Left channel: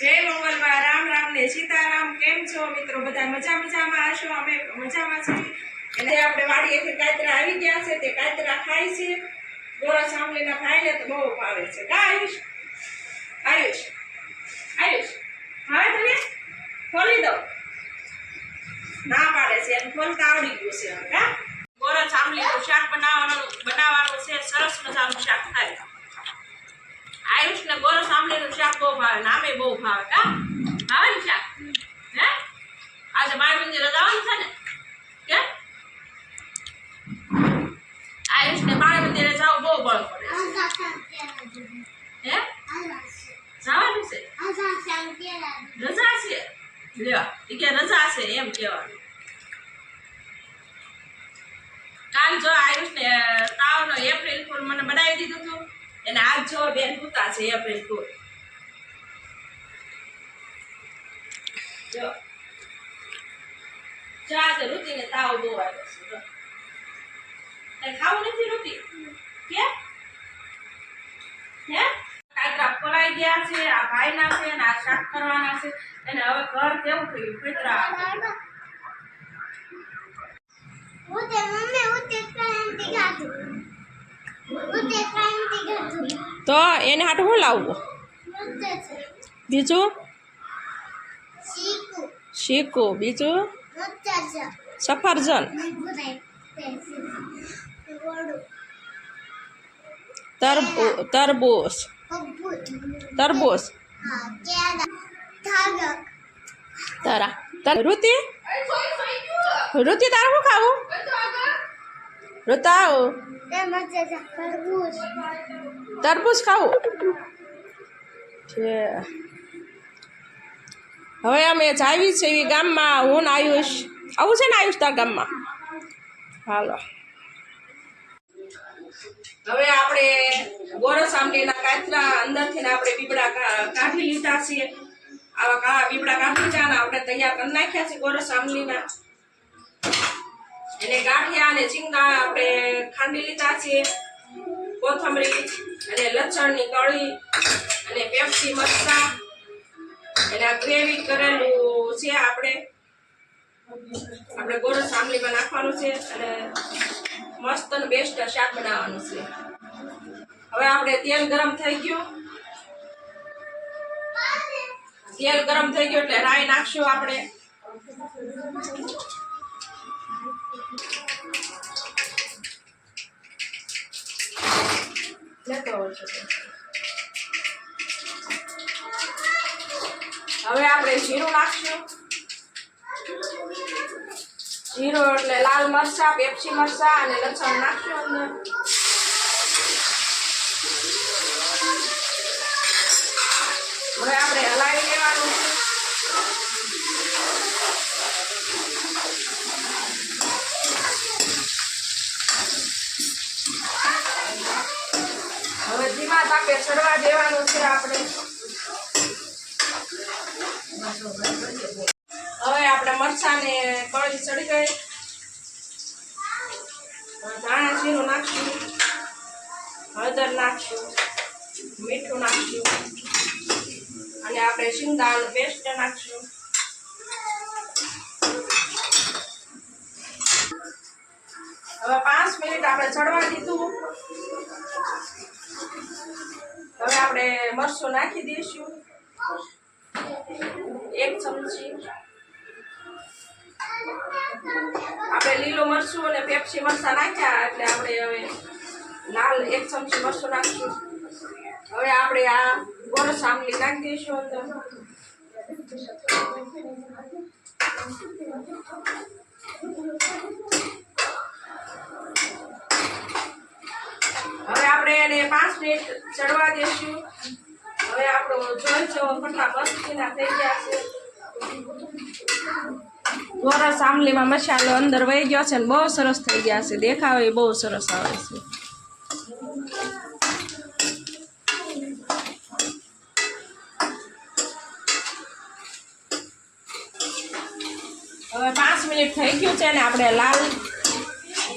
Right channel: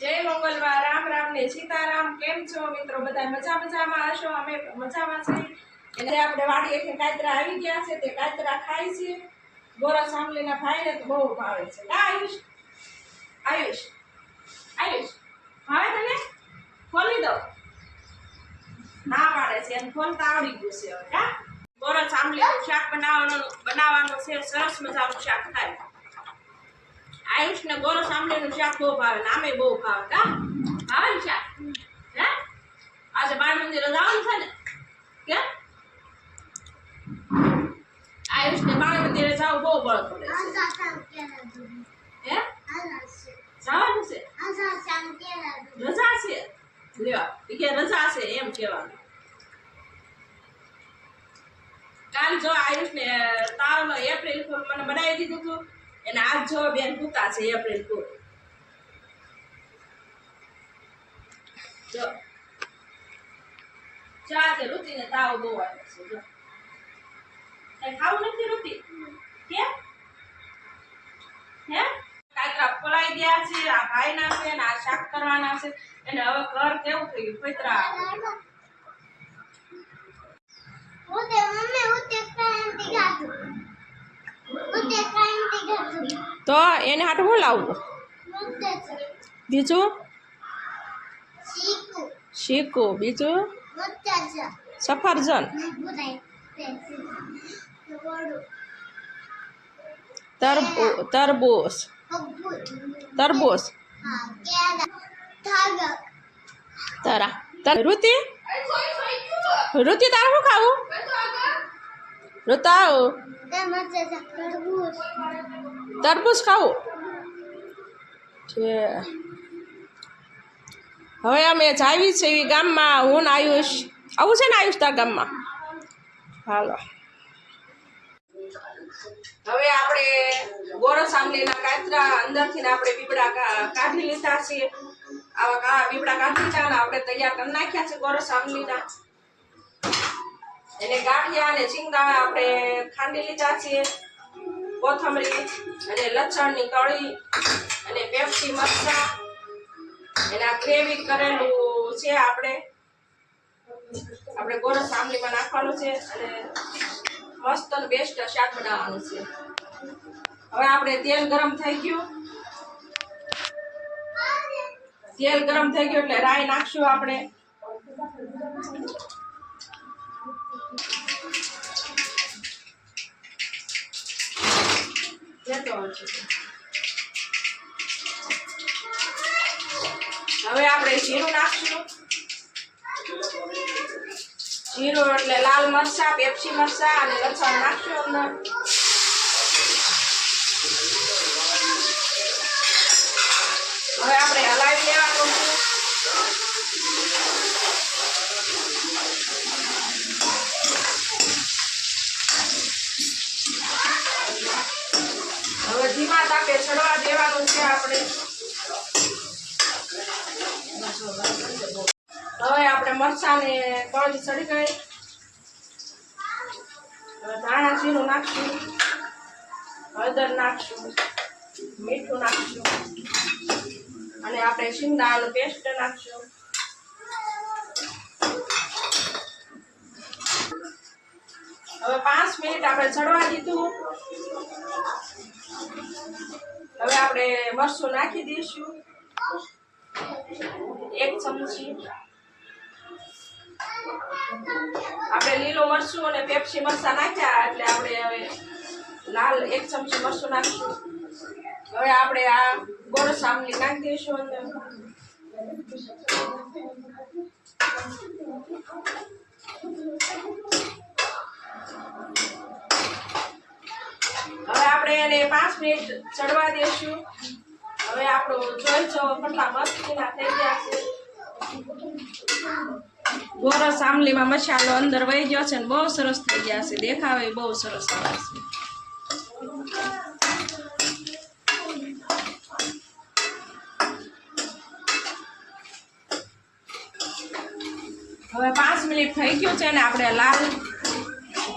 જય મંગલમાં રામ રામ ને સીતારામ। કેમ છો મિત્રો? બધા મજામાં હશો? અમે મજામાં છીએ। એટલે આપણે વાડીએથી કાતરા આવી ગયા છે, તે કાતરા ખાય છે। ગોરસ આંબલીના ભાઈને તો બહુ ભાવે છે કા આયુષ? આયુષ આયુષ ભાવે તને? ખોલી દો ના પાડે છે, એને ખોલતા આવડી ગયું છે હવે કા। ગોરસ આંબલીનું શાક બનાવવાનું છે। સરસ મજાનું શાક થાય। आयुष ने गोरस आंबलीનું શાક બહુ ભાવે, નામે બહુ ભાવે કા? ભાવે ને શાક? હે આજે બાળ મંદિર જવાનું છે ને કે? આયુષ ને બાળ મંદિરે જાવ બહુ બળ પડે છે। હે જવાનું છે? રજા છે? લ્યો ઈ કે રજા છે એમ કહેવાનું। કાલ જો આયુષ ને તાવનો એપ્રિલ ફૂલ મને બનાવી દીધું હતું અને આજ જો બેન પૂતા છે એપ્રિલ ફૂલ। જો આજે ઋતિને તાવ બહુ આવ્યો છે। જો કઈ ખાવું નથી ઋતિ કે? હે કાતરા ફોલાઈ ગયા છે, આ ભાઈના છે ને આ શાક કરવાના છે। અને હવે ઘર કેવું થયું ફેતરા તો એને હાટું હું લાવવું? બીજું શીકુ, બીજું સફરજન, તરબૂચ તારા ઋતિ તારે શું ખાવું? ઋતા તરબૂચ ખાવું છે। હવે અમે જાવી છે ગામમાં, હું ને આયુષ આવું છે ને આયુષ તાર ગામમાં? હાલો હવે આપણે ગોરસ આંબલીના કાતરા અંદરથી આપણે બીબડા કાઢી લીધા છે। આવા બીબડા કાઢી લીધા અને આપણે તૈયાર કરી નાખ્યા છે ગોરસ આંબલીના। એને ગાંઠિયા અને ચીંગા આપણે ખાંડી લીધા છે। કોથમરી અને લસણની કળી અને પેપ્સી મરચાં એના ગ્રેવી કરેલું છે। આપણે ગોરસ આંબલીમાં નાખવાનું છે અને મસ્ત અને બેસ્ટ શાક બનાવવાનું છે। હવે આપણે તેલ ગરમ થઈ ગયું એટલે રાઈ નાખશું આપણે। હવે આપણે જીરું નાખશું। જીરું એટલે લાલ મરચા, પેપ્સી મરચા અને લસણ નાખશું અંદર। હવે આપણે હલાવી લેવાનું છે। હવે ધીમા તાપે ચડવા દેવાનું છે આપણે। હવે આપણે મરચાને કળી ચડી ગઈ, ધાણા જીરું નાખશું, હળદર નાખશું, મીઠું નાખશું અને આપણે શિંગદાણાનું પેસ્ટ નાખશું। હવે 5 મિનિટ આપણે ચડવા દીધું। હવે આપણે મરચું નાખી દઈશું 1 ચમચી। આપણે લીલું મરચું અને પેપ્સી મરચાં નાખ્યા એટલે આપણે હવે લાલ 1 ચમચી મરચું નાખીશું। હવે આપણે આ ગોરસ આંબલી નાખી દઈશું અંદર। હવે આપણે એને 5 મિનિટ ચડવા દઈશું। હવે આપણો જોઈ જો કેટલા મસ્તીના થઈ ગયા છે। ગોરસ આંબલીમાં મસાલો અંદર વહી ગયો છે ને બહુ સરસ થઈ ગયા છે, દેખાવે બહુ સરસ આવે છે। હવે 5 મિનિટ થઈ ગયું છે ને આપણે લાલ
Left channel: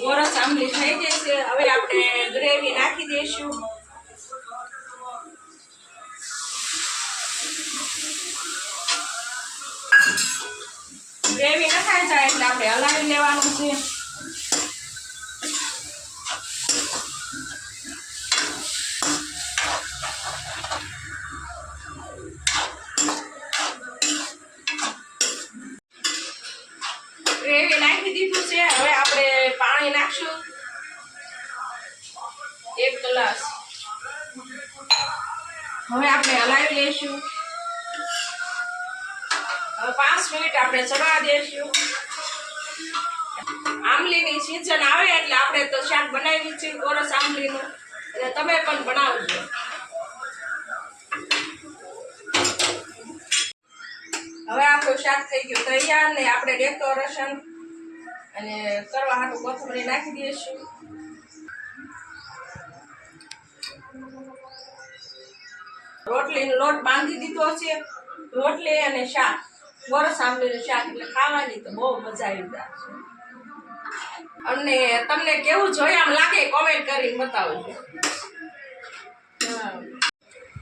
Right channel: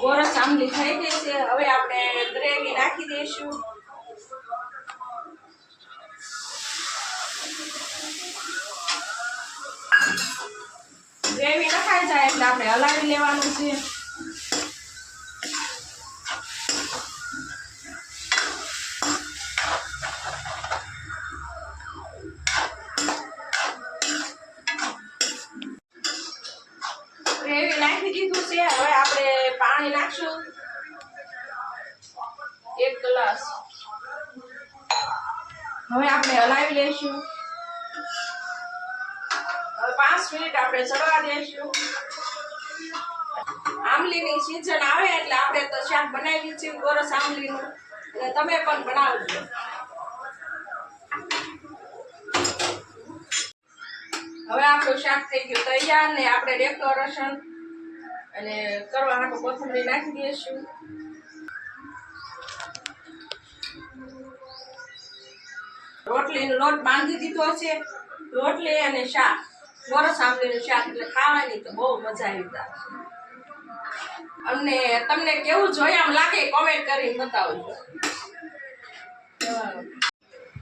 ગોરસ આંબલી થઈ ગઈ છે। હવે આપણે ગ્રેવી નાખી દઈશું। ગ્રેવી નખાઈ જાય એટલે આપણે હલાવી લેવાનું છે. ગ્રેવી નાખી દીધું છે. હવે આપણે પાણી નાખશું 1 ગ્લાસ. હવે આપણે હલાવી લઈશું. હવે 5 મિનિટ આપણે ચડવા દઈશું. આમલીની સીઝન આવે એટલે આપણે તો શાક બનાવી છે ગોરસ આમલીનું, એટલે તમે પણ બનાવજો. હવે આપણું શાક થઈ ગયું તૈયાર ને આપણે ડેકોરેશન અને કરવા હાટું કોથમરી નાખી દઈશું. રોટલીનો લોટ બાંધી દીધો છે. રોટલી અને શાક, ગોરસ આમલીનું શાક, એટલે ખાવાની તો બહુ મજા આવી જાય. અને તમને કેવું જોઈએ આમ લાગે કોમેન્ટ કરીને બતાવજો.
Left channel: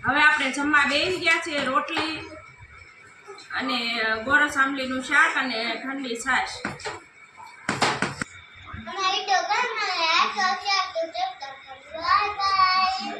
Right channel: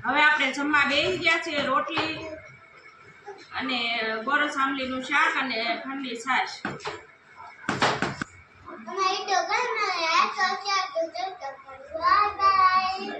હવે આપણે જમવા બેસી ગયા છે. રોટલી અને ગોરસ આમલીનું શાક અને ઠંડી છાશ. Bye bye.